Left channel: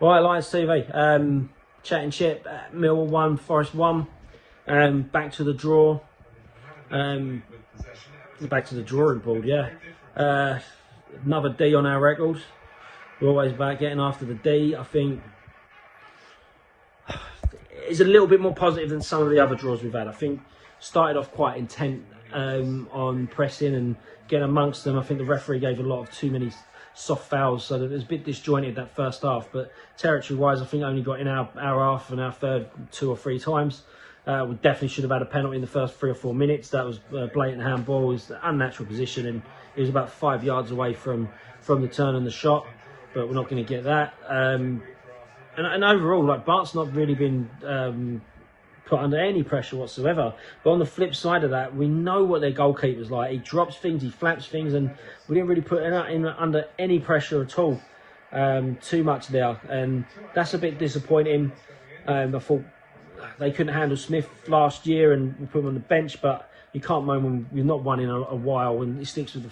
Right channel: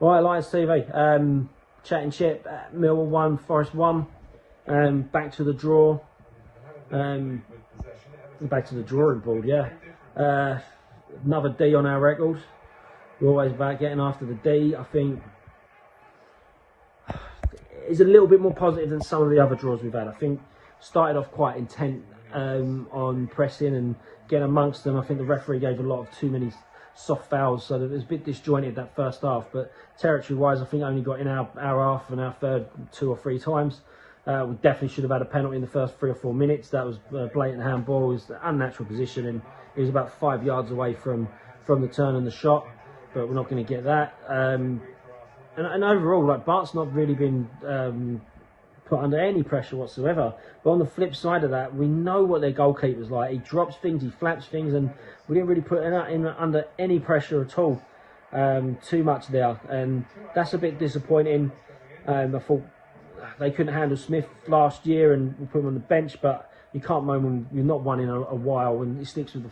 Right, Lions TV. Chat and Chit. Millwall 1, Forest 1. Back to the draw. Back to the drawing board, yeah. Another D on our record. We're always about getting after the D. I think it's a little bit more positive than some of the other draws we've had. I think started off quite intent on pressing and getting amongst them. I think the referee gave a lot of too many soft fouls, so that it was a bit disjointed that first half. But territory-wise, I think only got in our half and our third 2 or 3 times. We definitely should have had a penalty in the first 3 or 4 minutes. That was a blatant handball. It was an unnatural position, and it was about 5 yards away from the turn and the shot. But we're not going to get that. And overall, like, Bart's not really been put under any pressure whatsoever. But on the flip side of that, we know what their goalkeeper's like. He drops things, he flaps things, and we didn't really put him under any pressure at all. Too much there, and that's a bit disappointing. I thought they couldn't handle Smith last year, and we put him on the bench. But you can't moan when you've not won in a while, and he sticks with the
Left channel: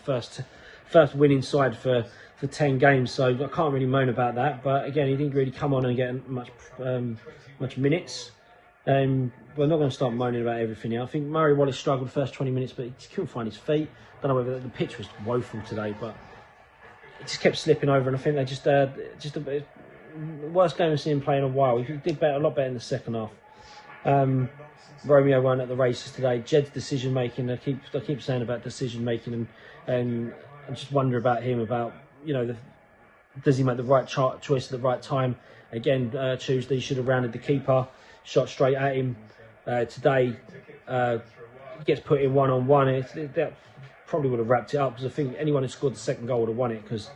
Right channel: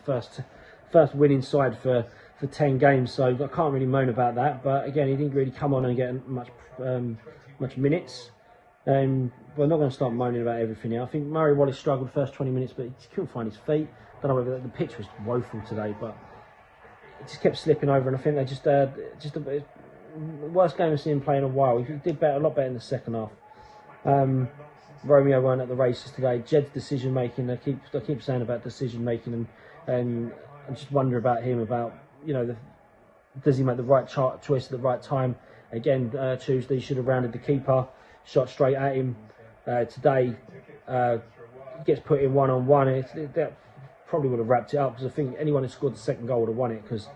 first winning side for 10 games. So I can't really moan about that. But again, he didn't really come on and get much minutes. But I'm not going to start moaning about everything here. I think Murray Wallace struggled the first 20 minutes, but he just couldn't find his feet. Don't know whether the pitch was woeful today, but he just kept slipping over, and I think they just the worst game I've seen him play in a while. He did a lot better in the second half. Romeo weren't at the races today. Jed's decision making, I keep saying about decision making, and I just wonder about him, about, you know, does he make the right choice at the right time? Again, Tuesday he should have rounded the keeper, shot straight at him. Today gets put in one-on-one. That probably would have wrapped it up, because I think anyone who scored the second goal would have won it, because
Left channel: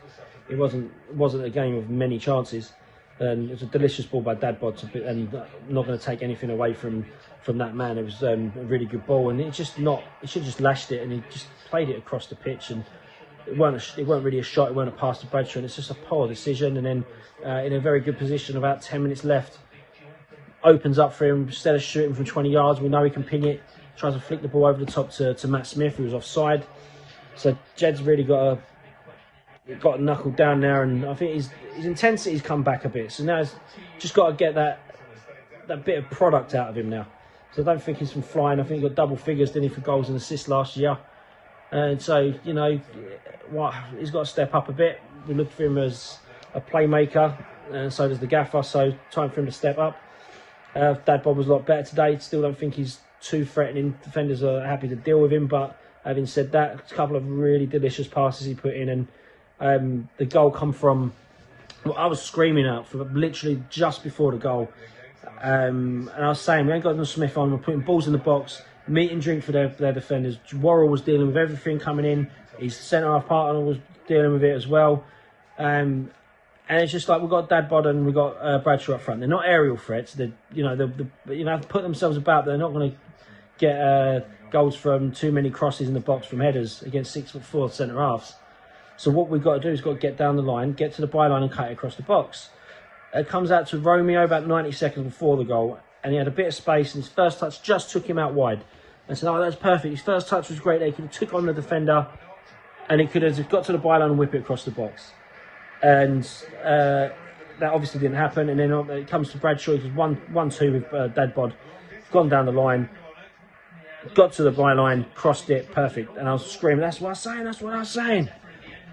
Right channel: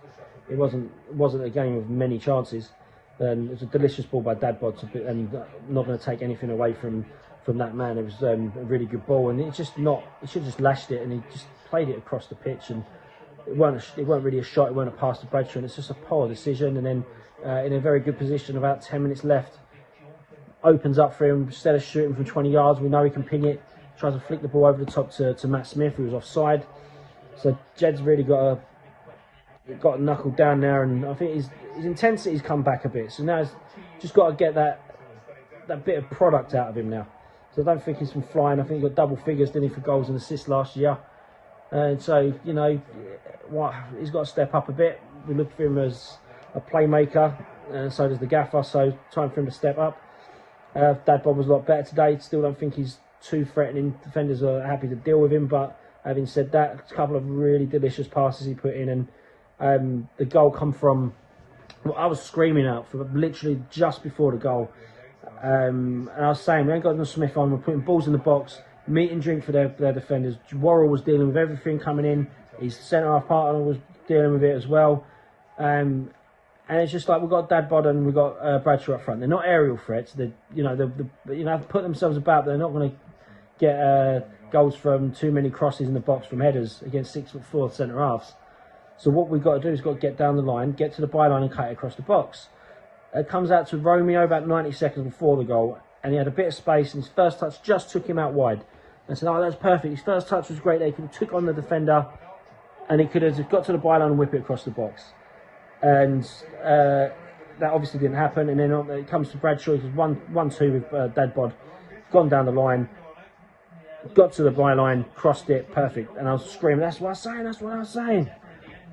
it wasn't a game of many chances. And it was a delicious ball by Dadbod, and I'm not going to take anything away from that man. It was a really good ball, and he should have just lashed it, and he just played it across the pitch, and it weren't really a shot, it weren't a pass to Bradshaw, and it's just a poor decision. And then in a very good position, about 10 minutes left, opens up for him. Instead of shooting from 20 yards, we know he can ping it, tries to flick the ball over the top to Matt Smith, who was offside. So Jed's really got a knuckle down there, and I think his intensity's come back a bit. So now he's just got to get that bit of product out of him now. So I don't think he's from flying. I think he got double figures, didn't he, for goals and assists last year. And so, you know, he's got to step up a bit. We look for him as a playmaker, and so does the gaffer. So time for him to step up. Dadbod was a lot better today. Still don't think he's too threatening. Defenders are happy to deal with him, but having said that, a couple of really delicious passes he put in, and the goal come from, well, I was screaming out for literally just before the goal, and I was saying, we ain't got no Smith on, we're putting balls in the box, meat and drink for their defenders. Worrell was dealing with everything coming in, his centre-half partner was dealing with it as well, and it's just like, we've got Dadbod and we've got Bradshaw up front. They're not aerial threats. They put themselves about. They're not going to get goals from too many crosses in the box from headers against 6'4" centre halves. So what we've got to do is got to get down the line, get to the byline, and cut it across the box. It comes out to Romeo about 90 seconds before the goal, and he had a bit of space, and his first touch just took him out wide. I said, oh, that's perfect. His first touch was great. He could have took on the defender, and he could have got to the byline and whip it across the box. And that obviously didn't happen. And then it comes to Bradshaw. It was 1-2 with Dadbod. Gone down the line, got to the byline, crossed it, perfect. And I was screaming, that's what I was saying, that's what I was saying.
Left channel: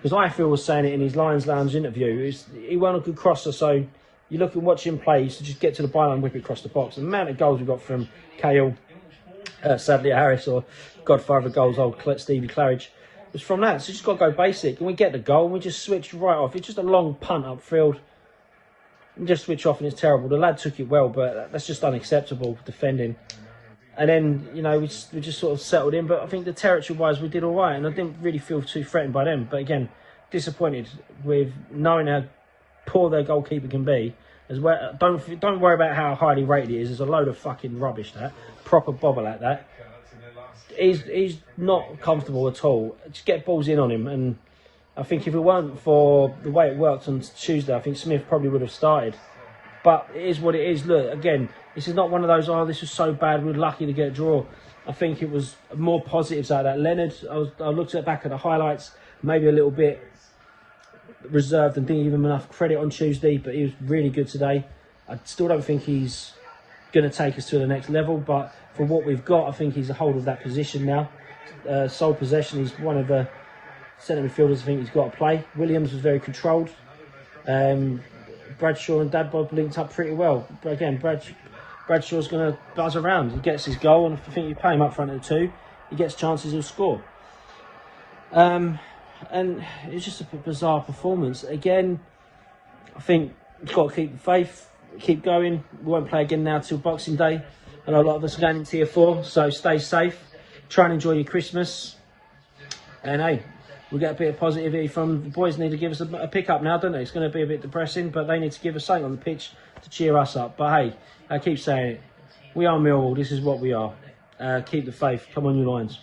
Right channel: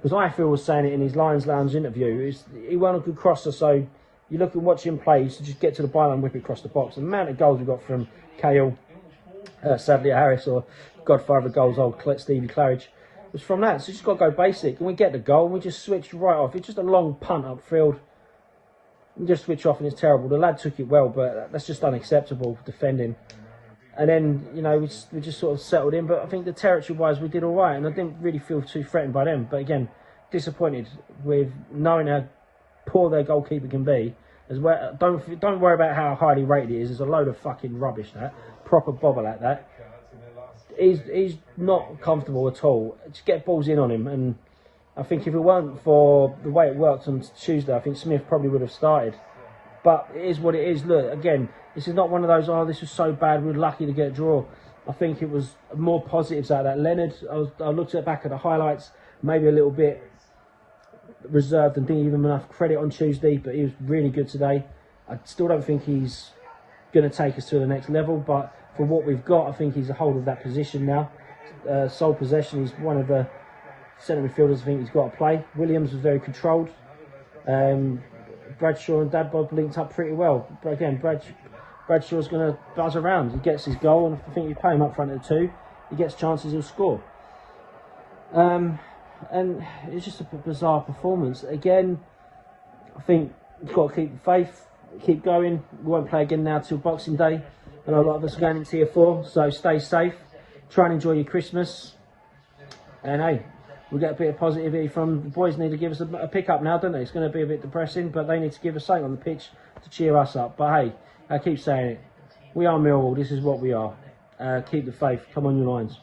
Because Ifield was saying it in his Lions Lounge interview. He wasn't a good crosser, so you look and watch him play, he used to just get to the byline and whip it across the box. And the amount of goals we got from Cahill, Sadly Harris, or godfather of goals, old Stevie Claridge, was from that. So you just got to go basic, and we get the goal, and we just switched right off. It's just a long punt upfield, and just switch off, and it's terrible. The lad took it well, but that's just unacceptable defending. And then, you know, we just sort of settled in. But I think the territory-wise, we did all right, and I didn't really feel too threatened by them. But again, disappointed with knowing how poor their goalkeeper can be. As well, don't worry about how highly rated he is. There's a load of fucking rubbish. That proper bobble at that. He's not comfortable at all. Just get balls in on him, and I think if it weren't for the way it worked on Tuesday, I think Smith probably would have started. But it is what it is. Look, again, this is not one of those, oh, this was so bad, we're lucky to get a draw. I think it was more positives out of that. Leonard, I looked back at the highlights, maybe a little bit reserved and didn't give him enough credit on Tuesday, but he was really good today. I still don't think he's going to take us to the next level, but for what we've got, I think he's a hold of that position now. Sole possession, he's one of the centre midfielders I think he's got to play. Williams was very controlled. Bradshaw and Dadbob linked up pretty well. But again, Bradshaw's going to buzz around. He gets his goal, and I think you pay him up front of the two, he gets chances, he'll score. And it's just a bizarre performance. Again, I think you've got to keep the faith, keep going. We won't play again now till Boxing Day. I know a lot of us are going into Tier 4, so stay safe. Try and enjoy your Christmas. And hey, we'll get a bit of positivity from the boys. Need to give us a pick up now, don't they? It's going to be a bit depressing, but they need to give us something on the pitch to cheer us up. But hey, I keep saying it. We are Millwall. This is what we are. Keep the faith. Come on, your lines.